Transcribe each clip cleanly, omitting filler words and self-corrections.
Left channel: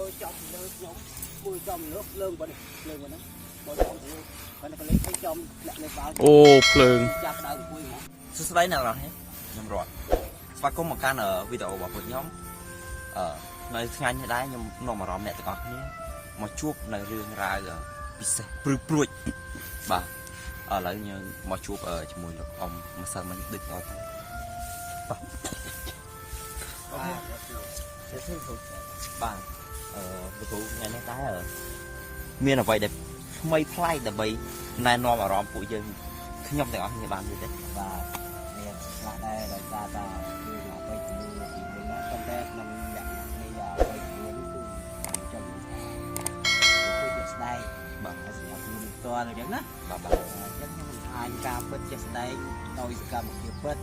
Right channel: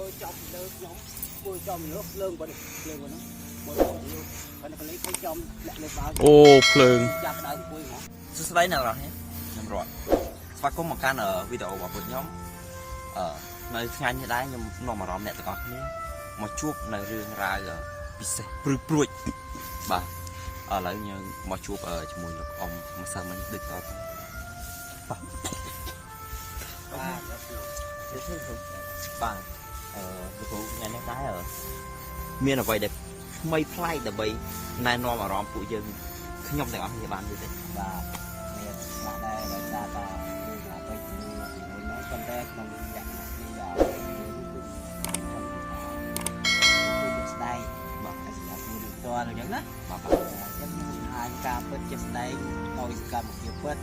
môi trong lơ nhóm môi trong nước lương vào nó môi trong nước còn cái lấy thấy trong lại lấy vào ô phượng chặt đầu quỳ nó số đấy nào rồi hết nhầm rồi và có một cái ở video bảo một nhóm ở nơi ngay như đấy nhưng nó mà rõm nè tụi con nhé mà chuột nơi riêng ra giờ bị pruy bà ở lại như mà chuột ở trong mùi nước ông mà sao mình được rồi bà cái tụ nhà nó có ở miền là vậy để mây play để vậy nay nó mà rõm phụ dân nhom được không thì làm gì đấy và nè lại đây rồi ta đưa là tôi thì mình nói con bé nông nhặt bây giờ tôi trong đây bảo cái gì cũng được to rồi chẳng á bảo giống như hai ca bớt chết đây tôi ca một kia bớt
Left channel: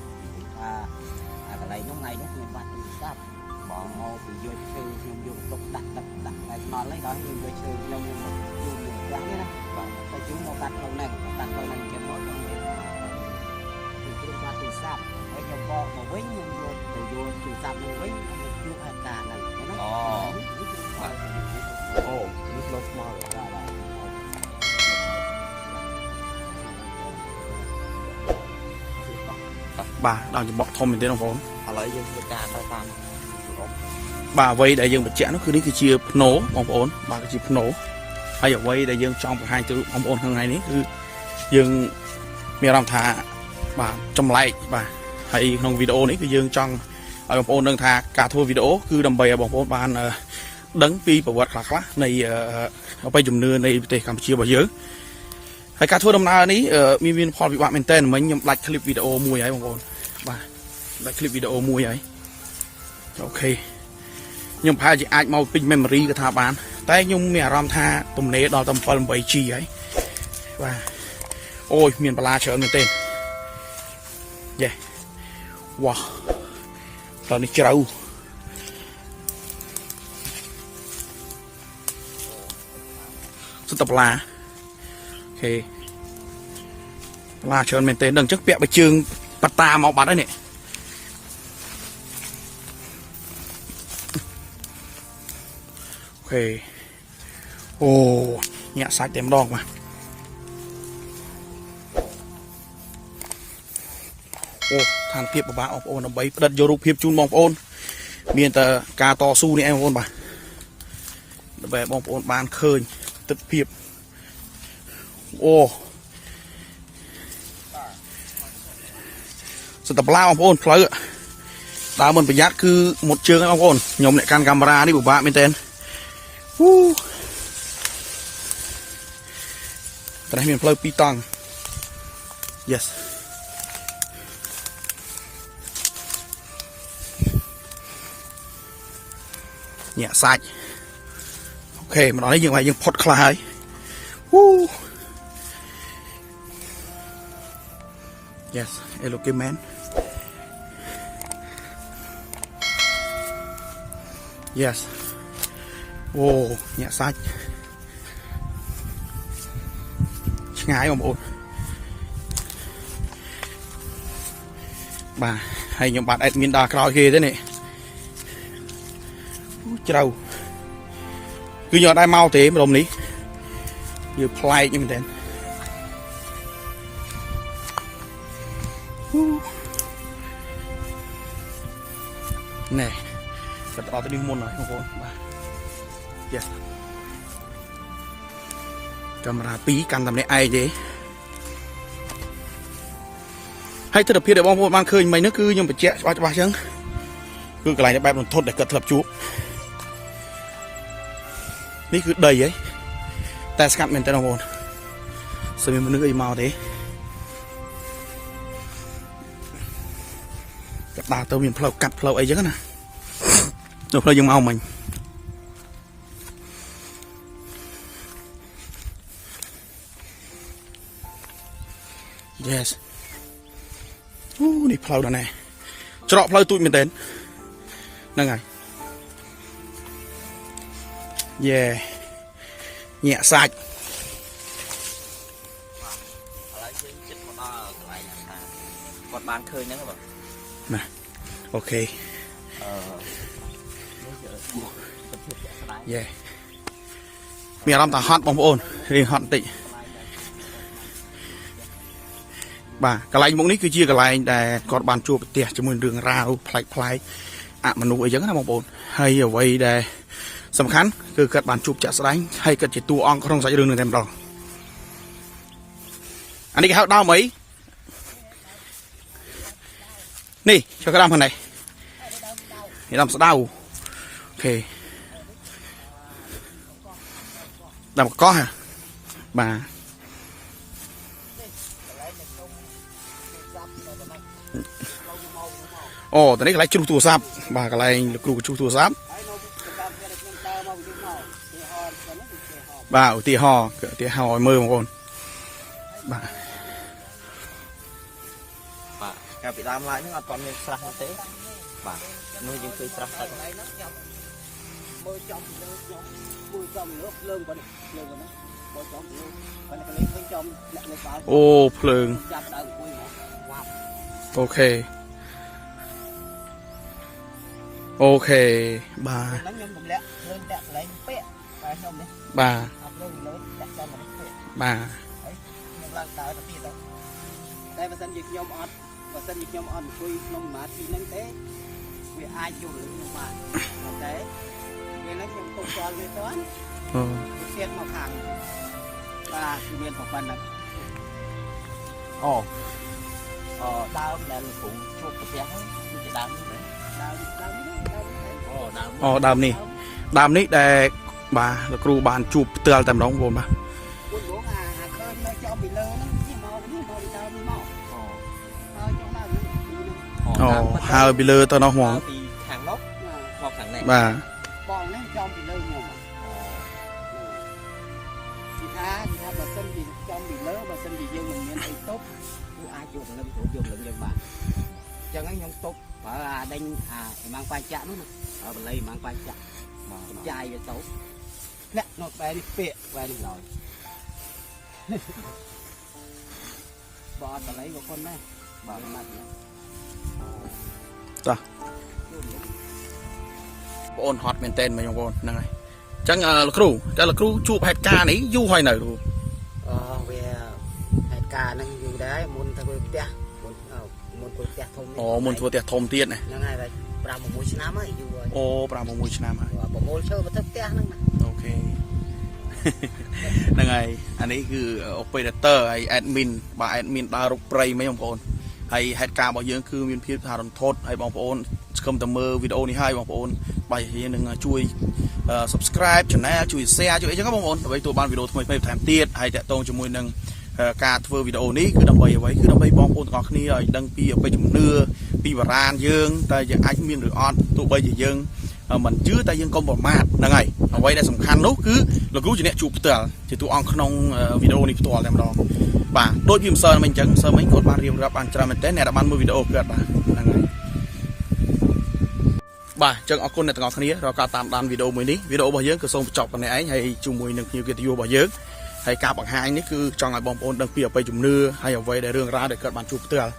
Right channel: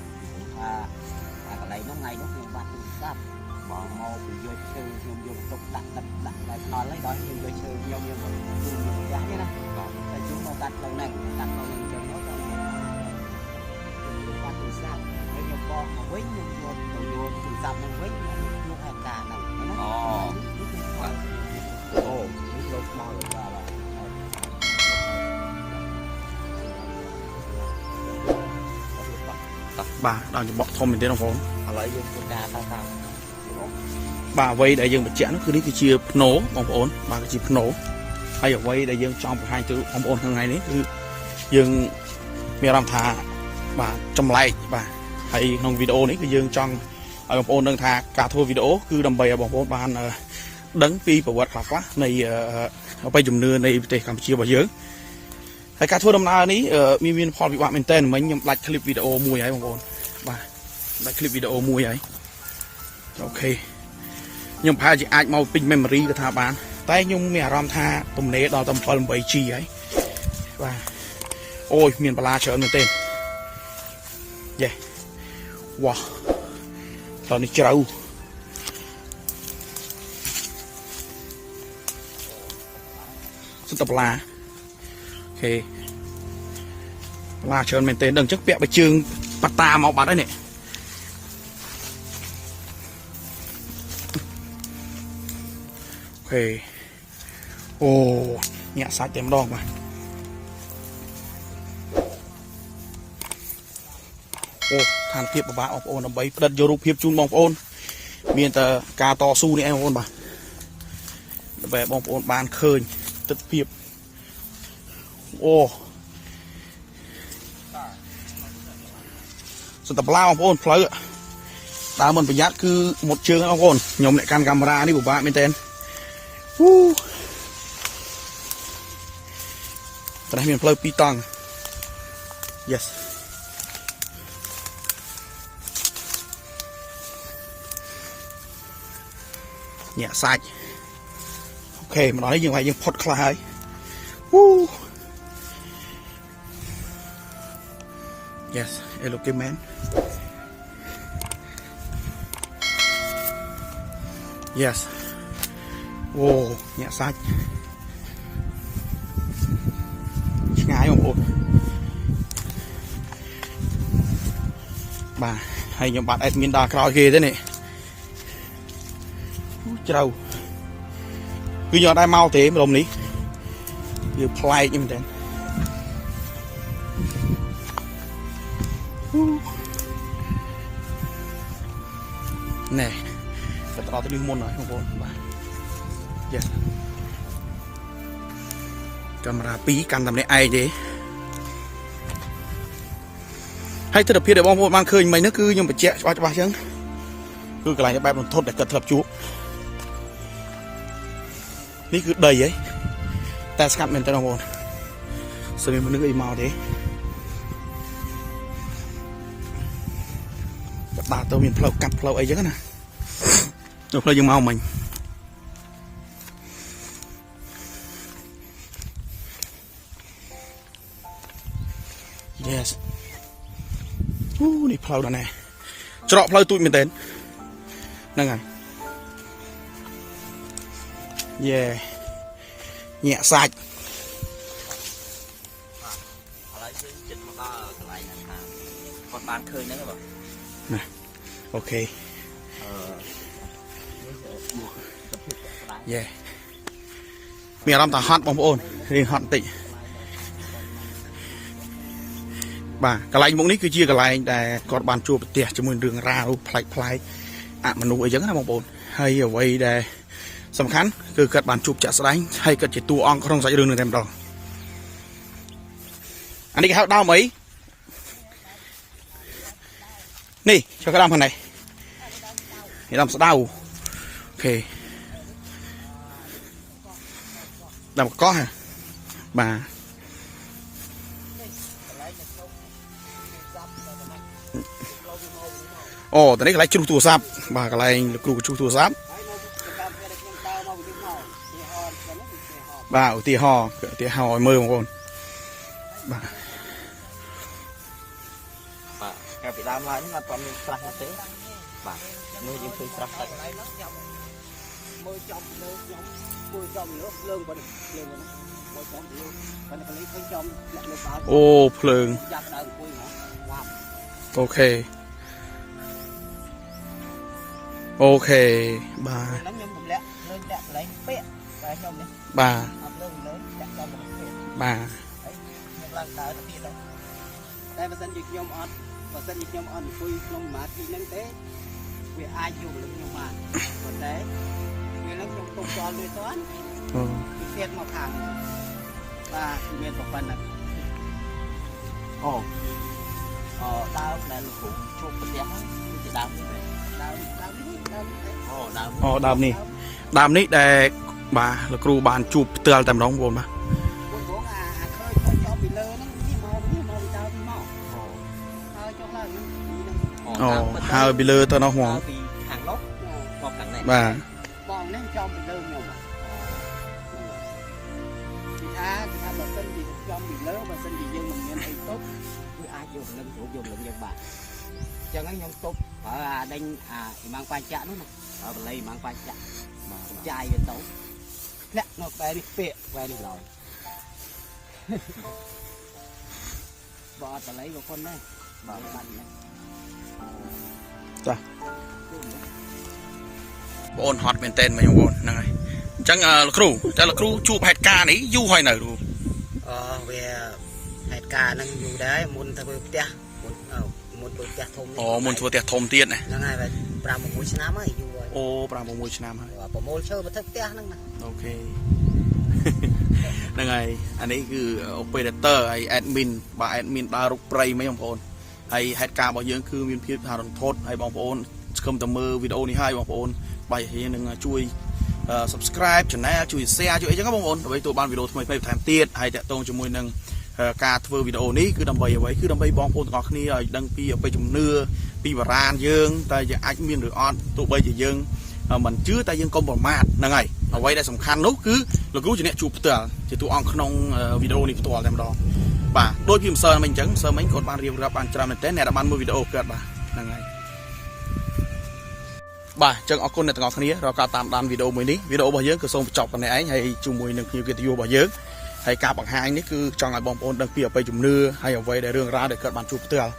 cái này nó ngay nó như bạn tự sát bỏ màu bị vô sư nhung vô tục đặt lại nói lấy đó nhung vô sư nhung dáng thế này và cái chú mau đặt lâu này cho nó tự sát cái nhung bo mà quấy nhung vô tự sát nó quấy nó hàng cả này cái nó nước lột màu ra là bà đang chụp bọt thom mình đến đồng vốn lấy dân Việt Nam bà vây đại dương bạch chẽ nó cứ đi cái chia nổ bóng ổn bà cái chia nổ hay ở vây đại dương trong một hai chữ bóng ổn hàng ngày đấy cứ dương miền làm thà bà trong lại bà hay trong video này cái dương trong ở bóng ổn đang thà cả thua video cứ đầm bè bóng ổn bàn đấng pi bảo vật khác này ở bay dùm nưa này để Campuchia bảo dớ hay cả thua đầm nào ní miền kho bị bạn mình tên mấy nhầm like clip video mùi ấy bóng ổn bà like clip video mùi ấy ok nhưng phải chỉ ai mau pin memory cái thà bán tay nhưng mẹ ram tha tụm nế đo tầm phần bảy chi ấy và ôi miền Bala chờ người tên yeah wow rồi đi trâu tập là ok Bala chờ mình tên đừng chắc bẹ bạch trường bát ta máu bát đấy nè ok ô nhẹ sạch tem đong mà ô than phiệp của bạn ôn là bấy đặt vô rụp hiệp chun bóng ôn miền tờ ca to su này em ôn bà về bóng ôn bàn khơi tất phiệp ô sự tập lao bóng ôn phơi ạ đá mình phải nhát cứ một chương bóng ôn nhóm lại can camera đi của bạn bên tên cái này mình phơi pi tang yes nhẹ sạch ok mà nói như vậy nhưng pot khai yes hello cái man yes ô nhẹ sạch ngái không ổn bà hay những bạn admin đa crowd kia thế này trâu cứ nhờ đai mau thế mà đồng lý vừa play như thế nè thật đó cái đi môn nói không ổn bà yes camera tí căn tầm này ai thế hay thật phiền để bom một mang khơi mày nó cứ nhưng mà trẻ cho ba chứ cứ cái này nó bay một thốt để cật lập chú ní cứ đầy ấy ta sắp mình tay đồng hồ sao mình nước màu thế bà tôi mình phơi cắt phơi ấy chứ nè rồi phơi dùng màu mình yes đi phơi đó này cho phơi tụi mình đến nè ngay yeah nhẹ sạch này ok យេមានអារម្មណ៍ថាហត់បងប្អូនរៀងហត់បន្តិចបាទកន្លែងមុខនេះគឺជាកន្លែងដែលគាត់បានជួបប្រទះជាមួយរឿងរ៉ាវប្លែកអមនុស្សអីចឹងណាបងប្អូនហើយអ្វីដែលសំខាន់គឺគាត់បានជួបចាក់ស្ដែងហើយគាត់ជាតួអង្គក្នុងសាច់រឿងនេះតែម្ដងអានេះគេហៅដើមអីនេះគេដើមខាងនេះដើមស្ដៅអូខេដើមកោះបាទអូតនេះកន្លែងជ្រុះទូរស័ព្ទបាទកន្លែងលោកគ្រូជ្រុះទូរស័ព្ទបាទឧទាហរណ៍ឲ្យមើលបងប្អូនបាទកាលពីដើមឡើងអត់មានស្រះទេបាទនេះយើងឃើញស្រះអត់មើលចំលើខ្ញុំមើលចំលើភ្លើងបងភ្លើងហ្នឹងមើលចំលើបងកន្លែងឃើញចំអ្នកនៅបាល់អូភ្លើងចាប់ដើមអង្គុយមកវ៉ាប់អូខេបាទហ្នឹងខ្ញុំរំលាក់ភ្លើងដាក់កន្លែងពាក់តែខ្ញុំនេះបាទអត់ភ្លើងលើដាក់ចំមកពាក់បាទហើយខ្ញុំឡើងដើរទៅទៀតតែបើសិនជាខ្ញុំអត់អង្គុយក្នុងសមាធិហ្នឹងទេវាអាចយល់លឹងខ្ញុំបានប៉ុន្តែពេលហ្នឹងខ្ញុំទុកចោលវាទៅវាទៀតមកខាងបាទគឺមានប្រព័ន្ធហ្នឹងដើមដែលលោកគ្រូជួបប្រទះហ្នឹងគឺជាដើមនេះដើមនេះដែលបាទលោកគ្រូបានជួបផ្ទាល់តែម្ដងបងប្អូនបាទបងអាឃើញមកចំពីលើហ្នឹងមកពីដើមពីមកហើយចុះឡើងហ្នឹងហើយពីលើទៅនោះហ្មងពីខាងនោះមកខាងនេះបាទបងនេះចំពីលើខ្ញុំពីថាបើសិនជាចំពីលើបើសិនជាយើងមិនមានអីទប់គឺអាចយកលឹងយកលឹងយើងបាទអញ្ចឹងខ្ញុំទប់ប្រើអាដេញអាម៉ាំងបញ្ចាក់នោះណាហើយបល័យម៉ាំងបញ្ចាក់បាទចាយវាទៅធ្លាក់នៅក្បែរនេះពាកក្បែរនេះឡើយបើអត់បល័យក៏คนដែរបាទបាត់ណាចាបងអូនហត់មែនតើបងប្អូនហ្នឹងហើយអញ្ចឹងលោកគ្រូតែលោកគ្រូជួបហេតុការណ៍នេះយូរហើយនៅគ្រូវាហេតុការណ៍ហ្នឹងយូរដែរមុនធ្វើផ្ទះមុនធ្វើផ្ទះធំមុនធ្វើផ្ទះធំទៀតណាហ្នឹងហើយ5-6 ឆ្នាំហើយយូរហើយអូ5-6 ឆ្នាំហើយ6ធ្វើមកធ្វើផ្ទះហ្នឹងណាអូខេហ្នឹងហើយអានេះគឺ operator ហើយ admin បាទ admin ដើររុកព្រៃហ្មងបងប្អូនហើយហេតុការណ៍របស់យើងគឺមានភាពថារន្ធត់ហើយបងប្អូនស្គមតែមើលវីដេអូនេះហើយបងប្អូនបាយរៀងនឹងជួយ subscribe channel ជួយ share ជួយអីចឹងបងប្អូនដើម្បីទទួលបានវីដេអូថ្មីៗបន្ថែមទៀតហើយតាក់ទងជាមួយនឹងការធ្វើវីដេអូនេះគឺដើម្បីអ្វីគឺដើម្បីបងប្អូនទាំងអស់គ្នាឲ្យដឹងពីអបិយជំនឿពីបរាណយើងតែអាចមានឬអត់ទោះបីជាយើងមិនជឿតែយើងកុំប្រមាថហ្នឹងហើយអ្វីដែលសំខាន់នោះគឺលោកគ្រូជាអ្នកជួបផ្ទាល់ជាតួអង្គក្នុងវីដេអូនេះផ្ទាល់តែម្ដងបាទដូចវាមិនសើមិញអញ្ចឹងសើមិញគាត់បានរៀបរាប់បានច្រើនមែនទែនអ្នកដែលបានមើលវីដេអូគាត់បាទហ្នឹងហើយបាទអញ្ចឹងអរគុណអ្នកទាំងអស់គ្នារាល់ការតាមដានវីដេអូមួយនេះវីដេអូរបស់យើងក៏សូមបញ្ចប់ប៉ុណ្ណេះឯងហើយជាមួយនឹងភ្ញៀវកិត្តិយសរបស់យើងហើយការបង្ហាញនេះគឺចង់ឲ្យបងប្អូនដឹងពីអបិយជំនឿហើយអ្វីដែលរឿងរ៉ាវដែលគាត់បានជួបផ្ទាល់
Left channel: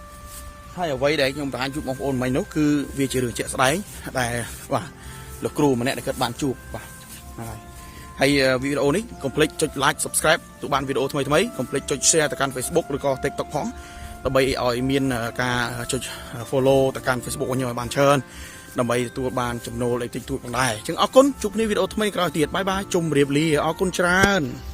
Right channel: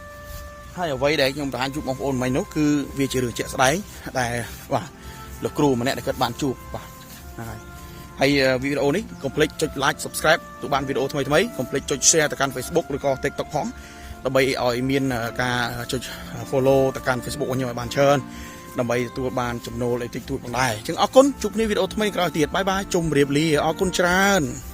ហើយអ្វីដែលខ្ញុំបង្ហាញជូនបងប្អូនមិញនោះគឺវាជារឿងជាក់ស្ដែងដែលបាទលោកគ្រូម្នាក់ដែលគាត់បានជួបបាទហ្នឹងហើយវីដេអូនេះកុំភ្លេចចុច like subscribe ទៅបានវីដេអូថ្មីកុំភ្លេចចុច share ទៅកាន់ Facebook ឬក៏ TikTok ផងដើម្បីឲ្យមានការចុច follow ទៅកាន់ Facebook របស់ខ្ញុំឲ្យបានច្រើនដើម្បីទទួលបានចំណូលអីតិចតួចផងដែរអញ្ចឹងអរគុណជួបគ្នាវីដេអូថ្មីក្រោយទៀតបាយបាយជម្រាបលាអរគុណច្រើន